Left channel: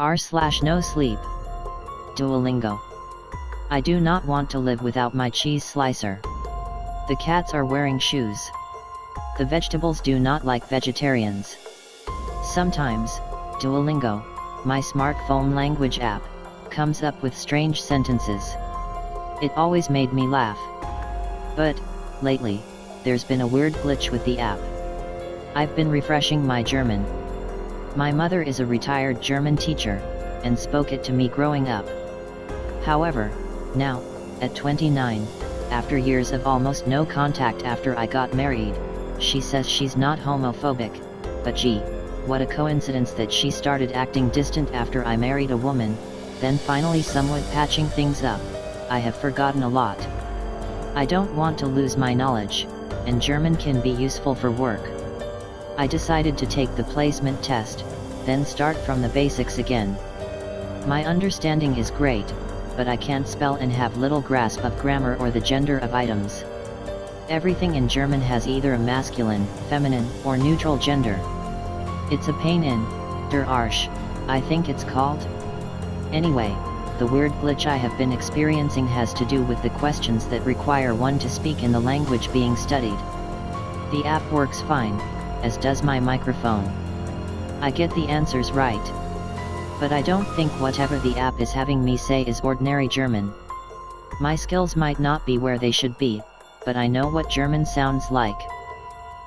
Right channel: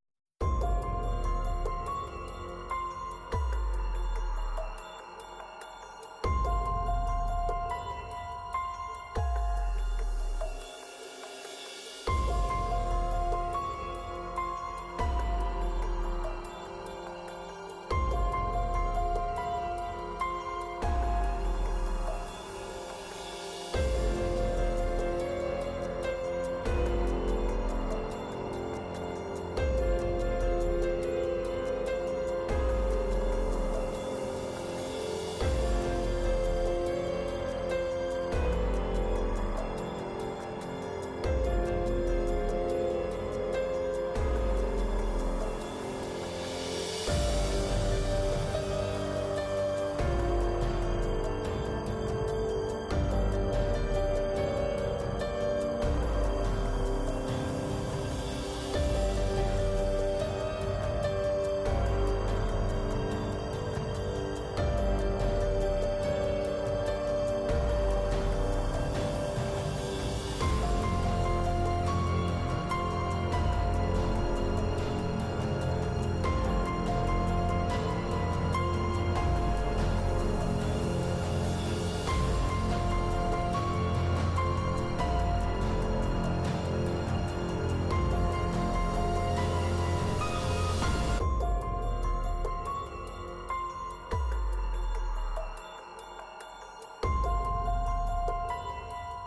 r/no-sleep. Duolingo. I do not want to live without my cheese slicer. The cats are wearing shoes. The vegetables do not like vegetarians. Sometimes, Duolingo, my smartphone language app, comes up with strange sentences. It always made me laugh. But, lately, there's been a weird glitch with the app. I've been refreshing my German. My mother is a retired German teacher, and spoke it to me growing up. However, now, at 29, after years of almost no contact after I got married, she says she's not homophobic, but gee, what a coincidence that she started acting distant after I married a woman, then finally somewhat patching things up. I have forgotten a lot. I don't want to lose my knowledge, and German can be useful for work. I decided to take the placement test, then start from the basics again. My understanding is great, but I can't spell and have little grasp of grammar or the gender of items. Everything in German has either a masculine, feminine, or neutral gender. It's a pain in der Arsch, I think it's called. Anyway, the weird glitch I have been experiencing has to do with the questions that require one to speak in the language being studied. The app works fine, as does my microphone. I get the answers right. But I don't think whatever the app is having me say is ordinary German. My skills might not be where they should be, but I know what German sounds like.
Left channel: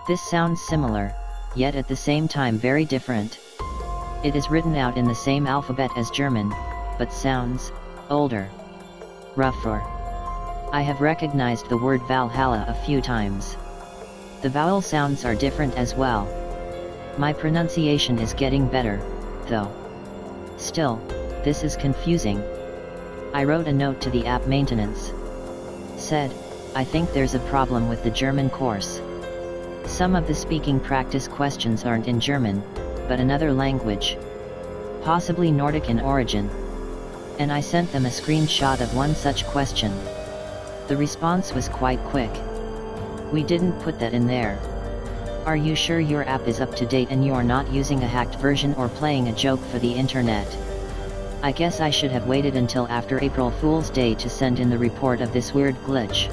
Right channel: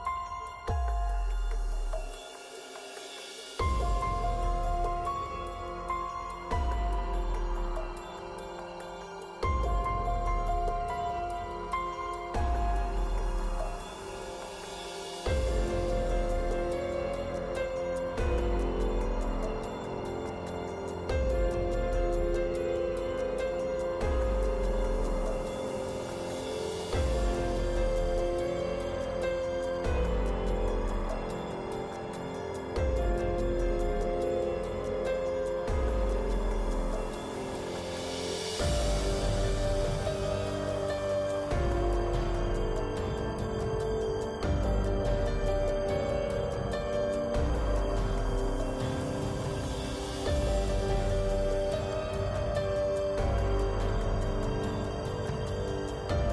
This sounds similar, yet at the same time very different. It is written out in the same alphabet as German, but sounds older, rougher. I have recognized the word Valhalla a few times. The vowel sounds are different as well. My pronunciation is getting better, though. Still, this is confusing. I wrote a note to the app maintenance. Said, I think there's a problem with the German course. Some of the speaking practice questions aren't in German, but another language. Possibly Nordic in origin. And I sent them a screenshot of one such question. The response was quite quick. We didn't put that in there. Are you sure your app is up to date and you are not using a hacked version or playing a joke for the internet? I guess I should have waited until after April Fool's Day to send in the report of this weird glitch.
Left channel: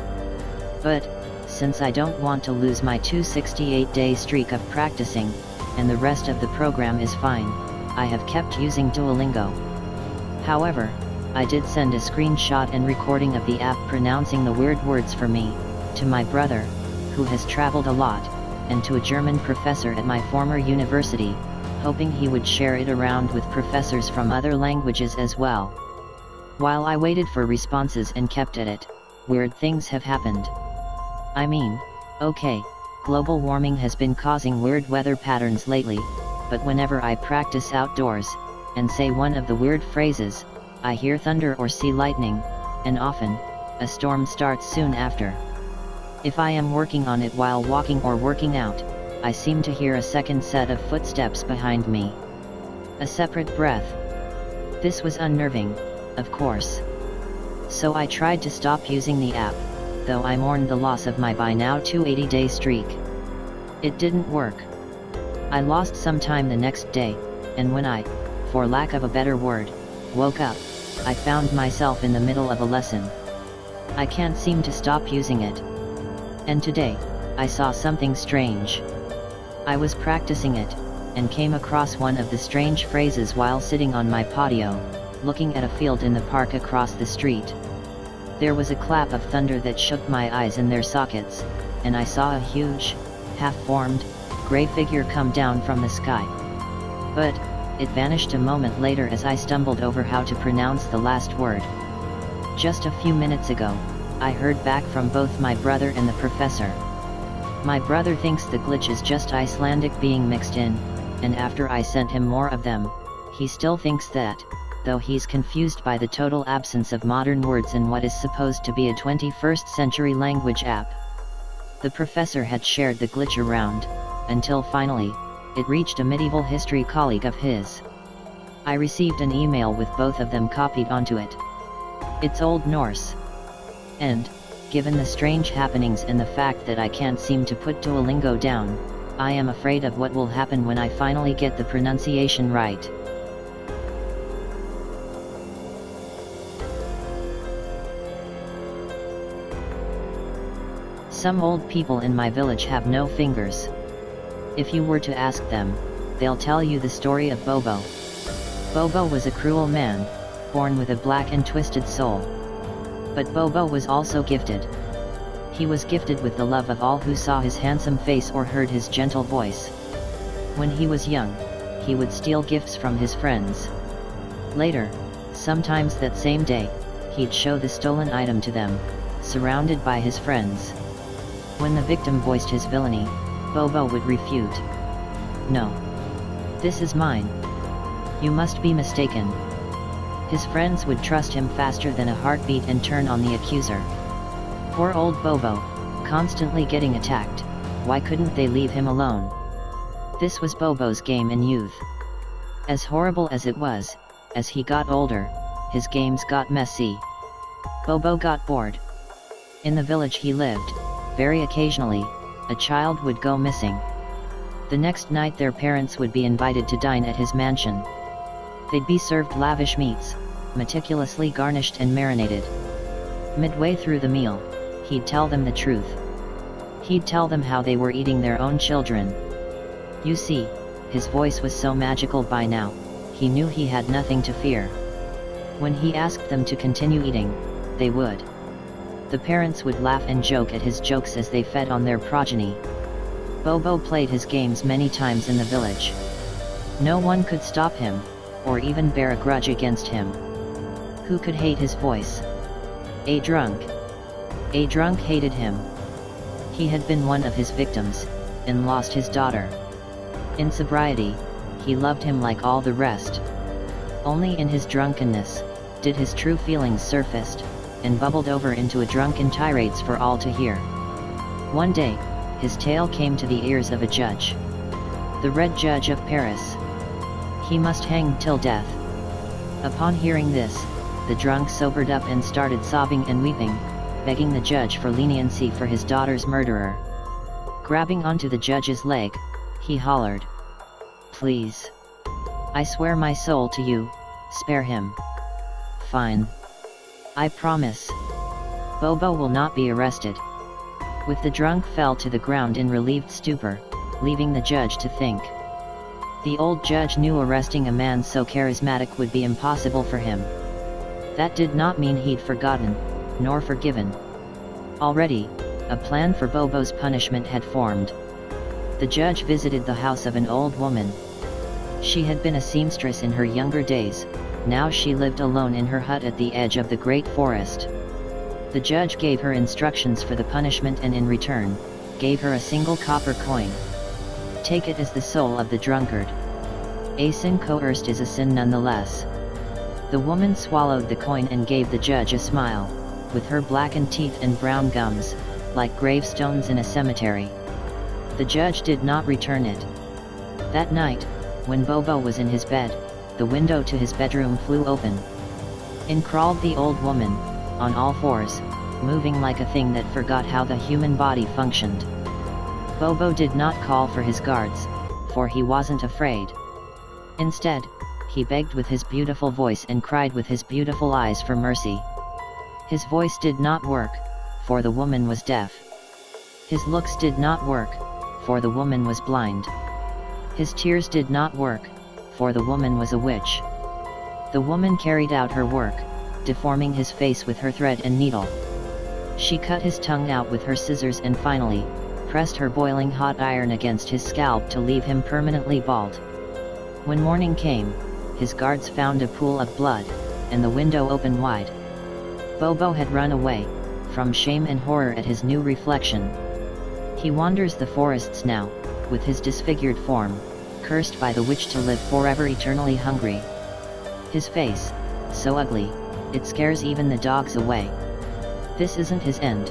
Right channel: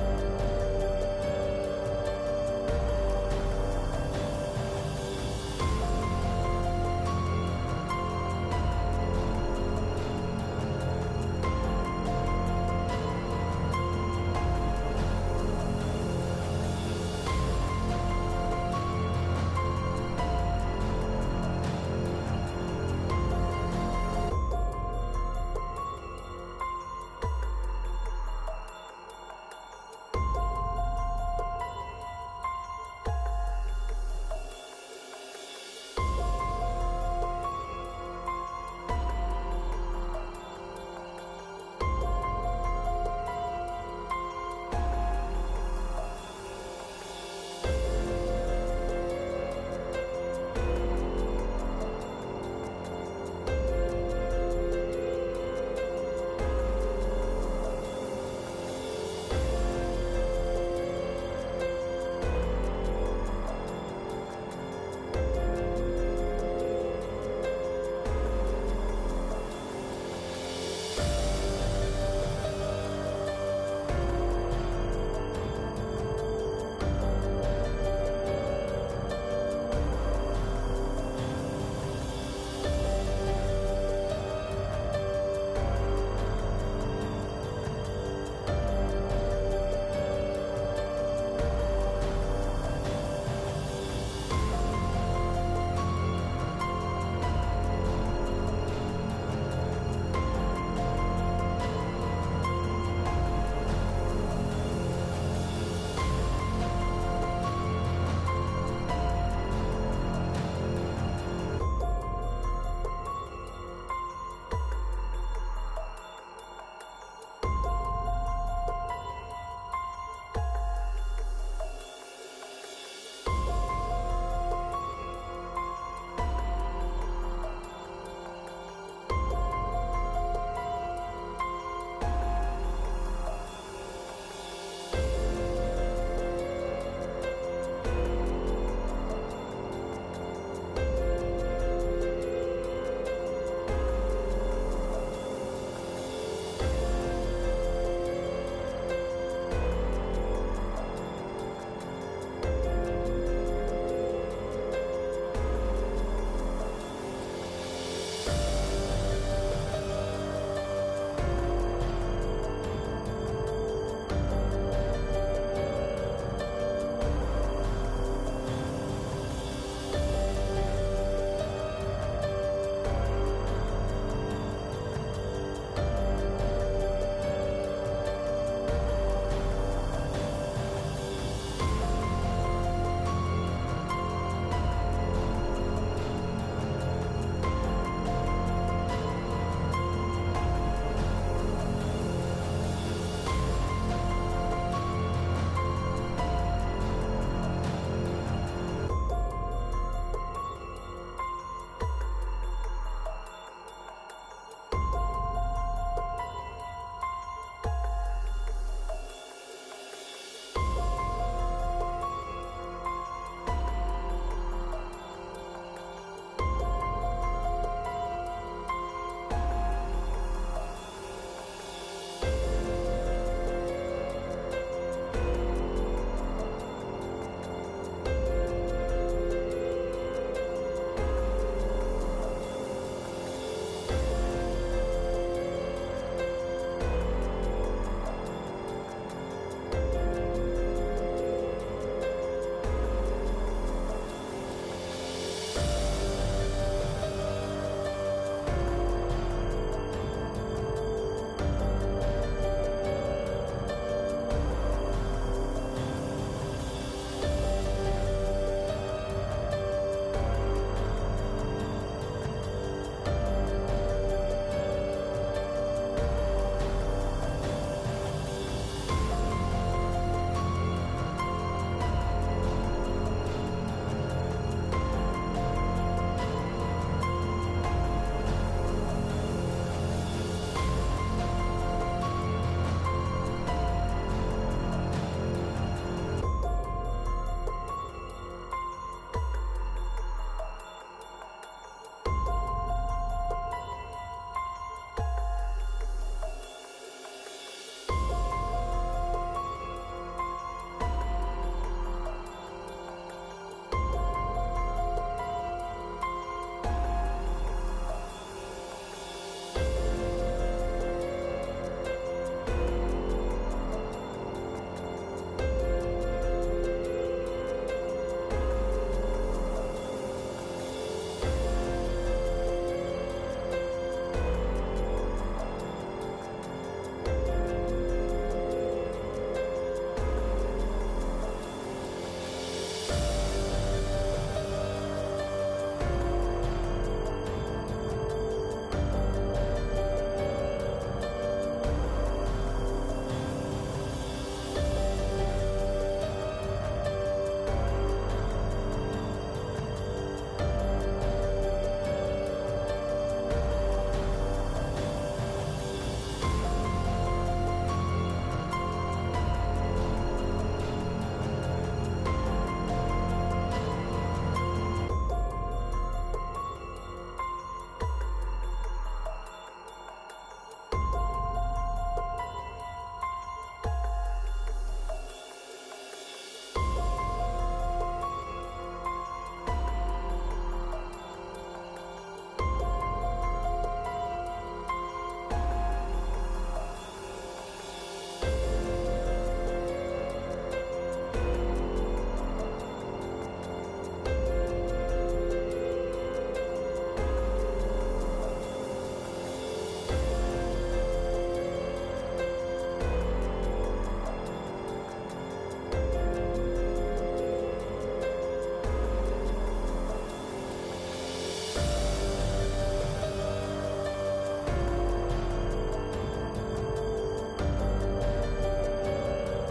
But, since I don't want to lose my 268-day streak of practicing, and the rest of the program is fine, I have kept using Duolingo. However, I did send a screenshot and recording of the app pronouncing the weird words for me, to my brother, who has traveled a lot, and to a German professor at my former university, hoping he would share it around with professors from other languages as well. While I waited for responses and kept at it, weird things have happened. I mean, okay, global warming has been causing weird weather patterns lately, but whenever I practice outdoors, and say one of the weird phrases, I hear thunder or see lightning, and often, a storm starts soon after. If I am working on it while walking or working out, I seem to hear a second set of footsteps behind me. A separate breath. This was unnerving, of course. So I tried to stop using the app, though I mourned the loss of my by now 280-day streak. It didn't work. I lost some time the next day, and when I, for lack of a better word, woke up, I found myself in the middle of a lesson. I can't seem to stop using it. And today, I saw something strange. I was practicing it, and came across one of the strange phrases while sitting on my patio, looking at a field in the park across the street. There was a clap of thunder that shook my eyes in their sockets, and I saw a huge, half-formed, gray figure come down from the sky. But, it vanished a moment later as I stumbled over how to pronounce the last word. Just a few minutes ago, I heard back from both my brother and the professor. My brother thinks the glitch is just Icelandic being mixed in, and after I sent him more of them, he still thinks that, though he's confused by the total absence of modern words in what is supposed to be a 21st century language app. The professor had shared the glitch around, until finally, it reached a medieval history colleague of his. I received an email with both of them copied onto it. It's Old Norse. And, given the strange happenings and the fact that I can't seem to put Duolingo down, I am afraid of what will happen when I finally get the pronunciation right. Some old people in my village have no fingers. If you were to ask them, they'll tell you the story of Bobo. Bobo was a cruel man, born with a black and twisted soul. But Bobo was also gifted. He was gifted with the love of all who saw his handsome face or heard his gentle voice. When he was young, he would steal gifts from his friends. Later, sometimes that same day, he'd show the stolen item to them, surrounded by his friends. When the victim voiced his villainy, Bobo would refute. "No. This is mine. You must be mistaken." His friends would trust him faster than a heartbeat and turn on the accuser. Poor old Bobo, constantly getting attacked. Why couldn't they leave him alone? This was Bobo's game in youth. As horrible as it was, as he got older, his games got messy. Bobo got bored. In the village he lived, very occasionally, a child would go missing. The next night their parents would be invited to dine at his mansion. They'd be served lavish meats, meticulously garnished and marinated. Midway through the meal, he'd tell them the truth. He'd tell them how they were eating their own children. You see, his voice was so magical by now, he knew he had nothing to fear. When he asked them to continue eating, they would. The parents would laugh and joke at his jokes as they fed on their progeny. Bobo played his games many times in the village. No one could stop him, or even bear a grudge against him. Who could hate his voice? A drunk. A drunk hated him. He had been one of his victims, and lost his daughter. In sobriety, he loved him like all the rest. Only in his drunkenness, did his true feelings surface, and bubbled over into a drunken tirades for all to hear. One day, his tale came to the ears of a judge. The Red Judge of Paris. He must hang till death. Upon hearing this, the drunk sobered up and started sobbing and weeping, begging the judge for leniency for his daughter's murderer. Grabbing onto the judge's leg, he hollered, "Please. I swear my soul to you, spare him." "Fine. I promise. Bobo will not be arrested." With the drunk fell to the ground in relieved stupor, leaving the judge to think. The old judge knew arresting a man so charismatic would be impossible for him. That did not mean he'd forgotten, nor forgiven. Already, a plan for Bobo's punishment had formed. The judge visited the house of an old woman. She had been a seamstress in her younger days, now she lived alone in her hut at the edge of the great forest. The judge gave her instructions for the punishment and in return, gave her a single copper coin. "Take it as the soul of the drunkard. A sin coerced is a sin nonetheless." The woman swallowed the coin and gave the judge a smile, with her blackened teeth and brown gums, like gravestones in a cemetery. The judge did not return it. That night, when Bobo was in his bed, the window to his bedroom flew open. In crawled the old woman, on all fours, moving like a thing that forgot how the human body functioned. Bobo did not call for his guards, for he wasn't afraid. Instead, he begged with his beautiful voice and cried with his beautiful eyes for mercy. His voice did not work, for the woman was deaf. His looks did not work, for the woman was blind. His tears did not work, for the woman was a witch. The woman carried out her work, deforming his face with her thread and needle. She cut his tongue out with her scissors and finally, pressed her boiling hot iron against his scalp to leave him permanently bald. When morning came, his guards found a pool of blood, and the window open wide. Bobo had run away, from shame and horror at his new reflection. He wanders the forests now, with his disfigured form, cursed by the witch to live forever eternally hungry. His face, so ugly, it scares even the dogs away. This isn't his end.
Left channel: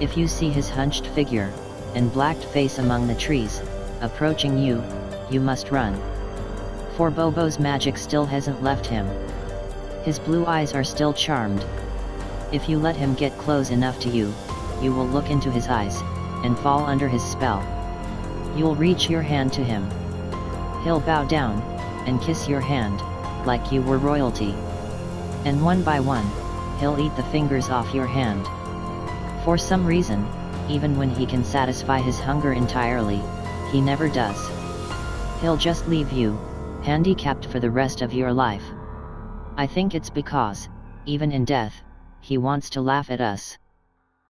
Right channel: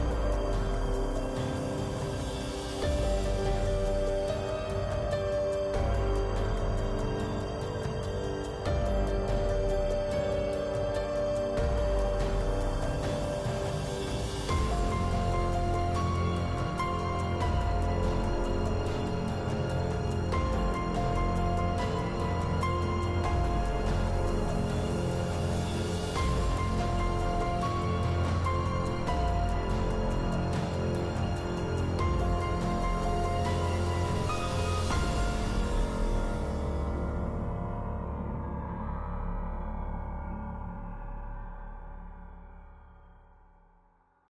If you see his hunched figure, and blacked face among the trees, approaching you, you must run. For Bobo's magic still hasn't left him. His blue eyes are still charmed. If you let him get close enough to you, you will look into his eyes, and fall under his spell. You'll reach your hand to him. He'll bow down, and kiss your hand, like you were royalty. And one by one, he'll eat the fingers off your hand. For some reason, even when he can satisfy his hunger entirely, he never does. He'll just leave you, handicapped for the rest of your life. I think it's because, even in death, he wants to laugh at us.